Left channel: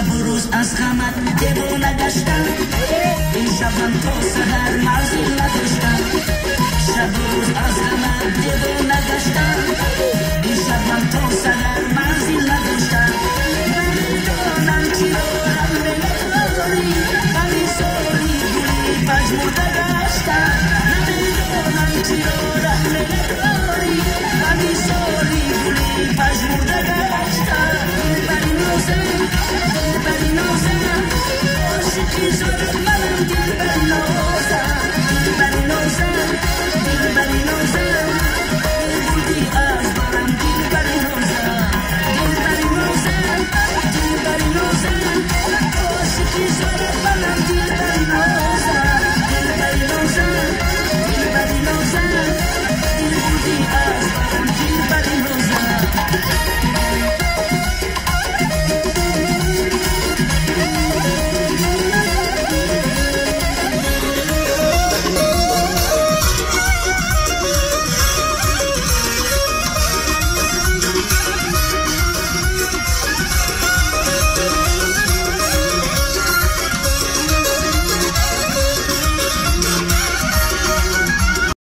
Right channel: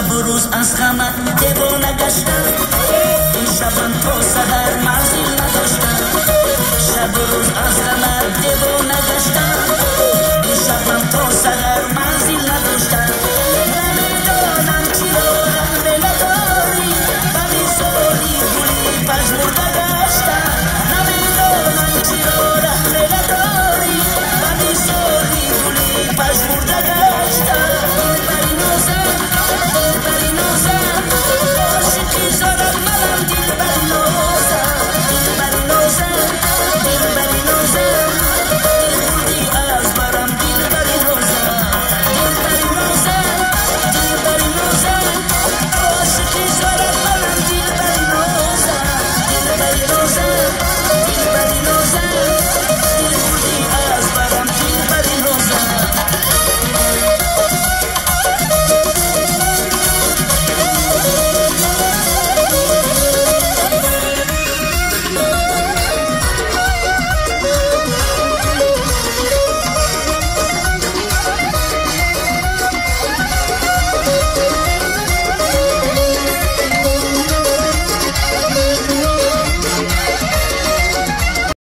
شب و روز از غمت دیوانه گشتم این شبم تا سحر منزل نداشتم شب و روز از غمت دیوانه گشتم این شبم تا سحر